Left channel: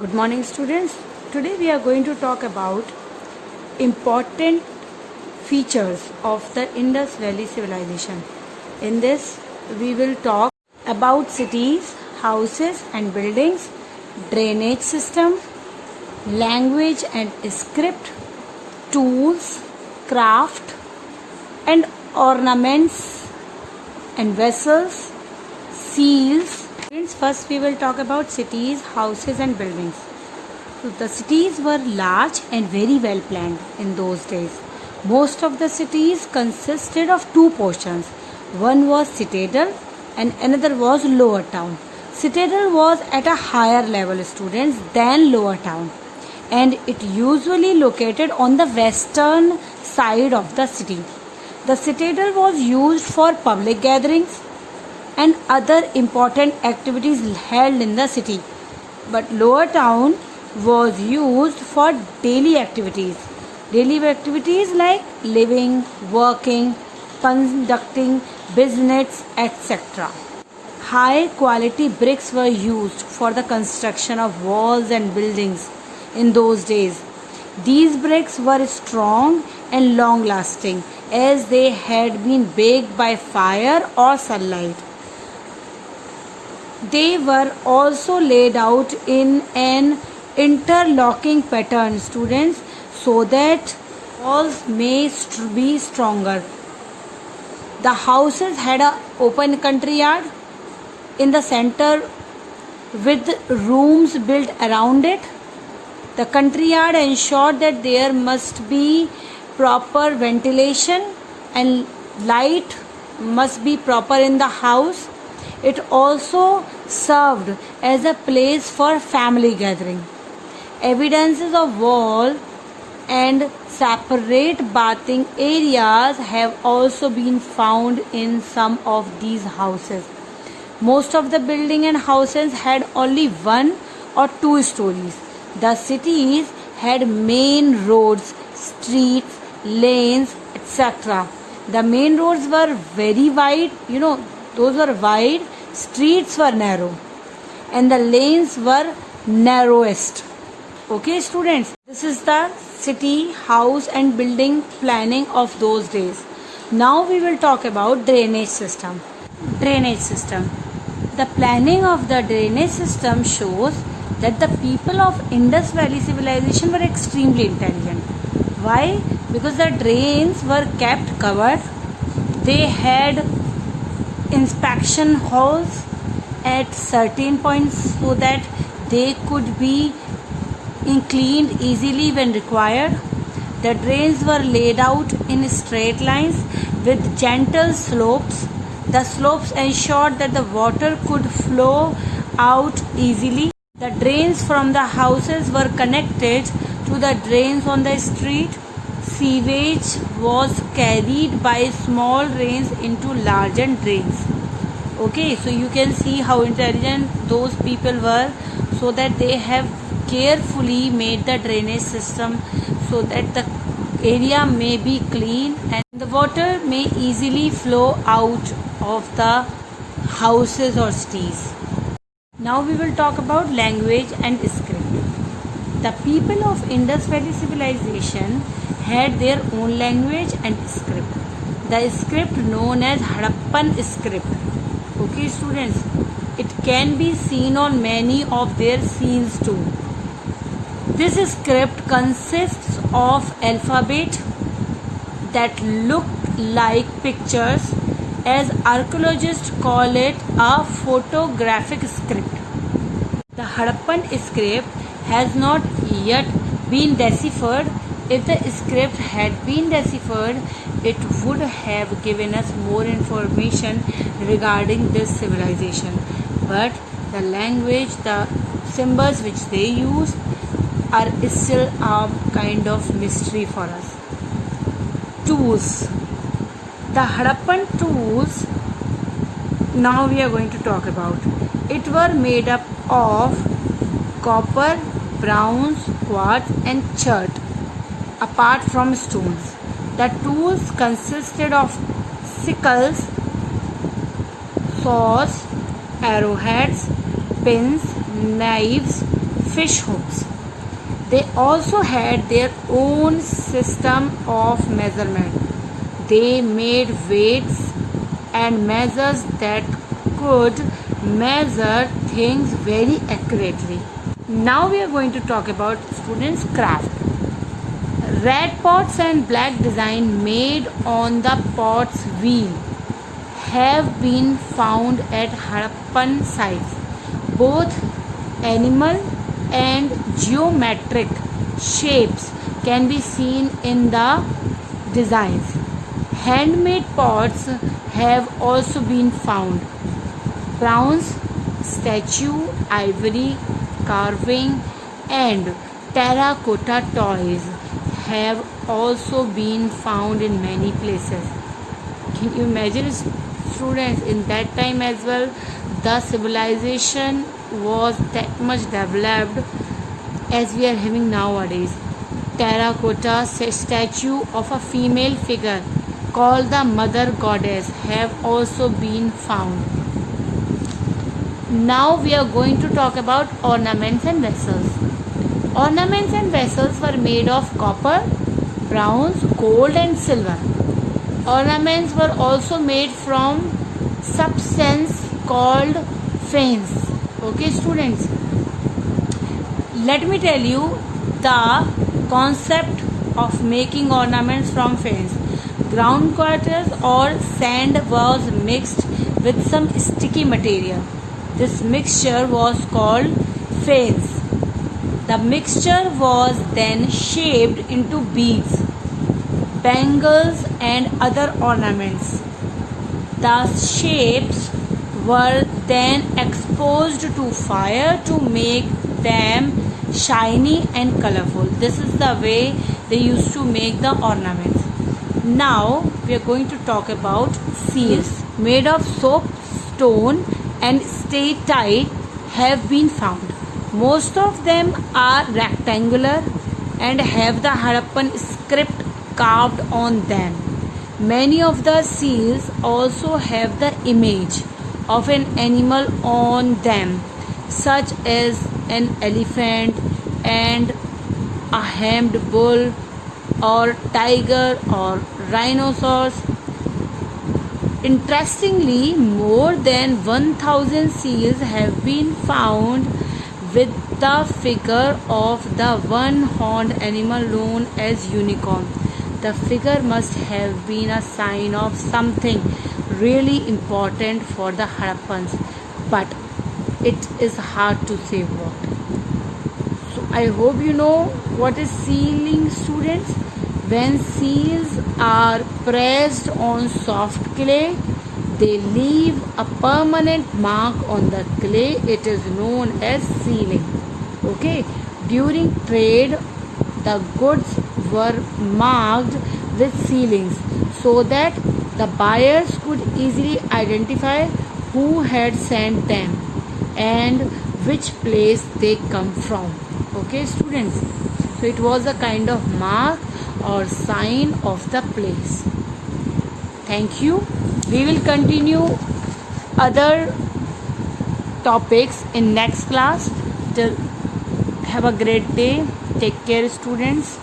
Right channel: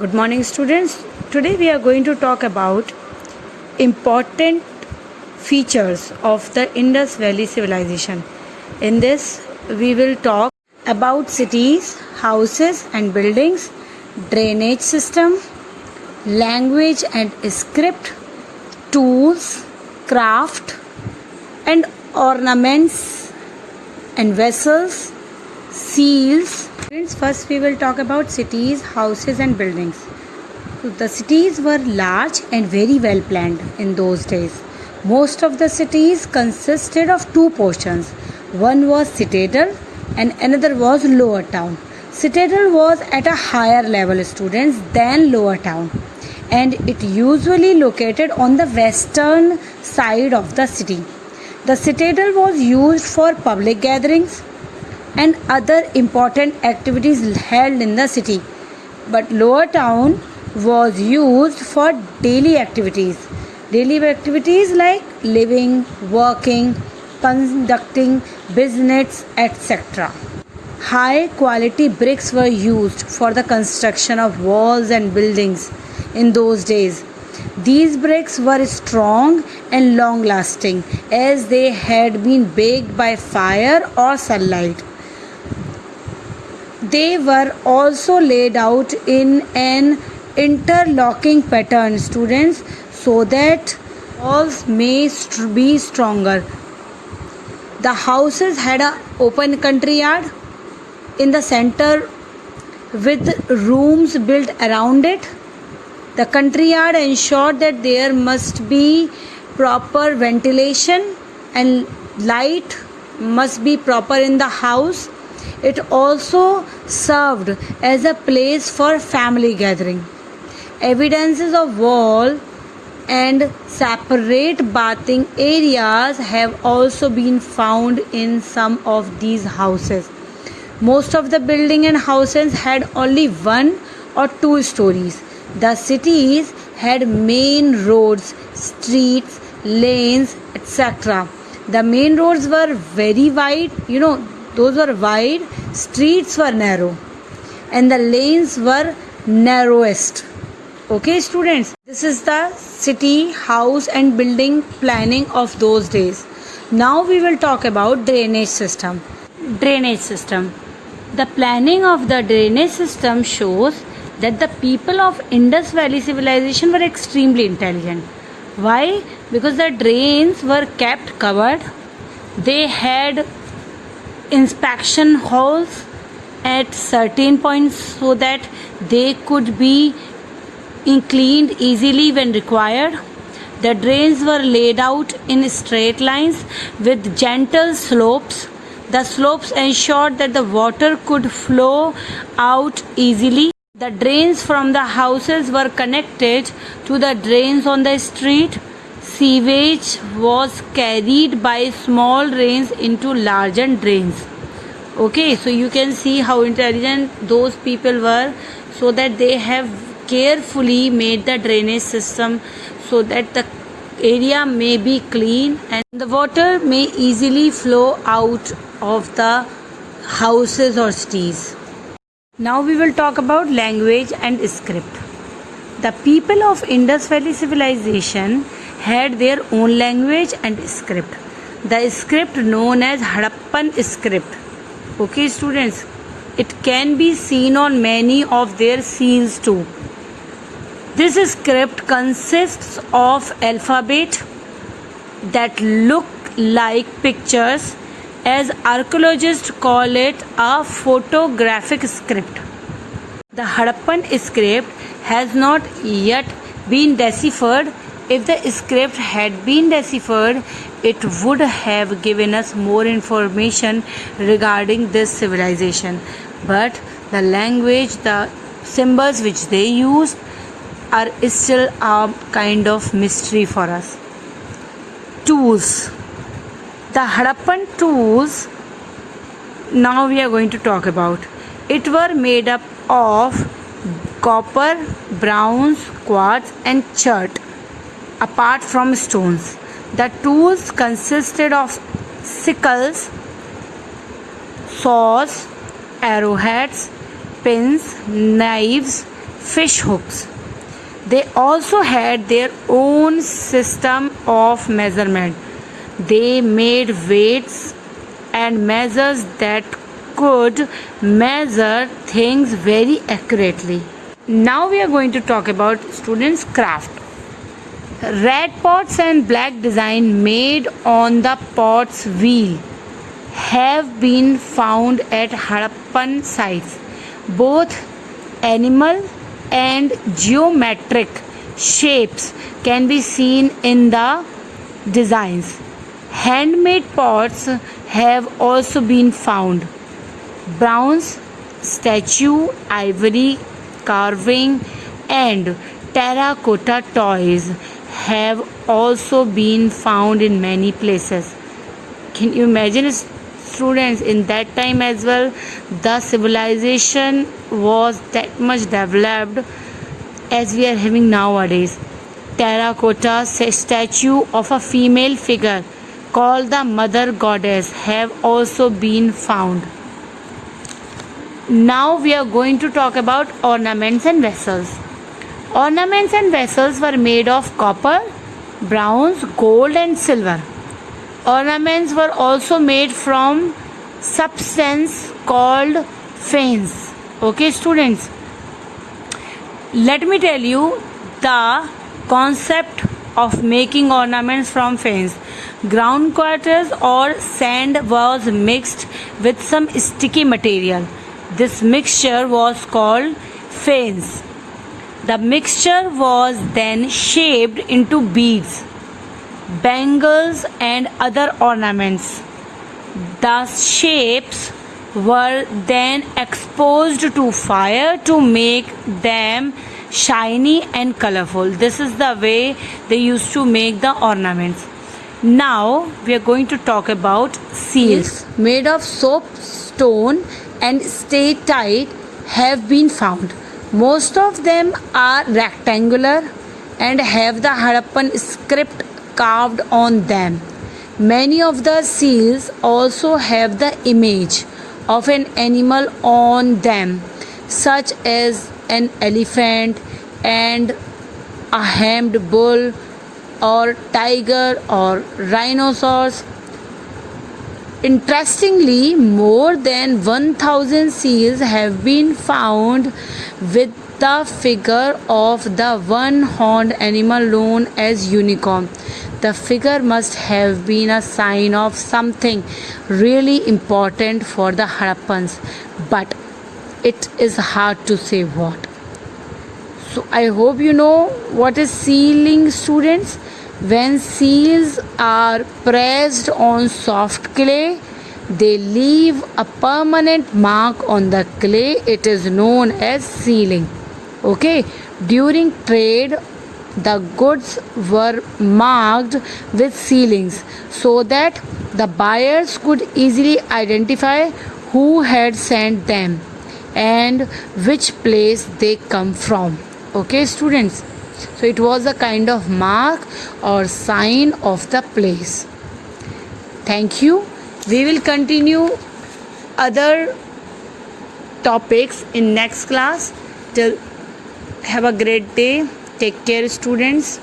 Good morning, students. Today we are going to talk about important features of the Indus Valley civilization. In this, we will talk about cities, houses and buildings, drainage system, language and script, tools, craft and ornaments and vessels, seals. First, we will talk about cities, houses, and buildings. So the cities were large and very well planned in those days. Most of the cities consisted of two portions. One was citadel and another was lower town. Citadel was at a higher level, students, than lower town, and it usually located on the western side of the city. The citadel was used for public gatherings and other important activities held in the city, but lower town was used for daily activities like living, working, conducting business, etc. High quality bricks were used for the construction of walls and buildings in those days. These bricks were strong and long lasting as they had been baked by fire or sunlight. They were also laid out in an interlocking pattern, students, so that walls may be stronger. The houses had an open country yard in the center with rooms built around it. The country yard ensured that there must be proper ventilation and light must be proper in the house. It also served as a place for family gathering. Evidences of wall and separate bathing areas have also been found in some of these houses. Most of the building and houses had only one or two stories. The cities had main roads, streets, lanes, etc. The main roads were very wide, those were wide, streets were narrow, and the lanes were narrowest. Okay, students, this is the city, house and building planning of those days. Now we will talk about drainage system. The planning of the drainage system shows that the people of Indus Valley civilization were extremely intelligent. Why? Because the drains were kept covered. They had inspection holes at certain points so that they could be cleaned easily when required. The drains were laid out in straight lines with gentle slopes. The slopes ensured that the water could flow out easily. The drains from the houses were connected to the drains on the street. Sewage was carried by small rains into larger drains. Okay, so you can see how intelligent those people were, so that they have carefully made the drainage system so that the area may be clean and the water may easily flow out of the houses or cities. Now we will talk about language and script. The people of Indus Valley civilization had their own language and script. The script known as Harappan script. Okay, students, it can be seen on many of their seals too. This script consists of alphabet that look like pictures, as archaeologists call it a photographic script. The Harappan script has not yet been deciphered. If the script had been deciphered, it would have given us more information regarding this civilization. But the language, the symbols which they used are still a kind of mystery for us. Tools. The Harappan tools now we are going to talk about. It were made up of copper, bronze, quartz and chert, apart from stones. The tools consisted of sickles, saws, arrowheads, pins, knives, fish hooks. They also had their own system of measurement. They made weights and measures that could measure things very accurately. Now we are going to talk about students' craft. Red pots and black design made on the pot's wheel have been found at Harappan sites. Both animal and geometric shapes can be seen in the designs. Handmade pots have also been found. Bronze statue, ivory carving, and terracotta toys have also been found in many places. Can you imagine, students, in that time as well, the civilization was that much developed as we are having nowadays. Terracotta statue of a female figure called the mother goddess have also been found. Now we are going to talk about ornaments and vessels. Ornaments and vessels were made of copper, bronze, gold, and silver. Ornaments were also made from substance called faience. Okay, students, let me tell you the concept of making ornaments from faience. Ground quarters or sand was mixed with some sticky material. This mixture was called faience. The mixture was then shaped into beads, bangles, and other ornaments. The shapes were then exposed to fire to make them shiny and colorful. This is the way they used to make the ornaments. Now we are going to talk about seals made of soapstone and stay-tight have been found. Most of them are rectangular and have the Harappan script carved on them. Many of the seals also have the image of an animal on them, such as an elephant and a hemmed bull or tiger or rhinoceros. Interestingly, more than 1,000 seals have been found with the figure of the one-horned animal known as unicorn. The figure must have been a sign of something really important for the Harappans, but it is hard to say what. So I hope you know what is sealing, students. When seals are pressed on soft clay, they leave a permanent mark on the clay. It is known as sealing. Okay, during trade, the goods were marked with sealings so that the buyers could easily identify who had sent them and which place they come from. Okay, students, so it was a kind of mark or sign of the place. Thank you. We will continue other topics in next class. Till have a great day. Take care, students.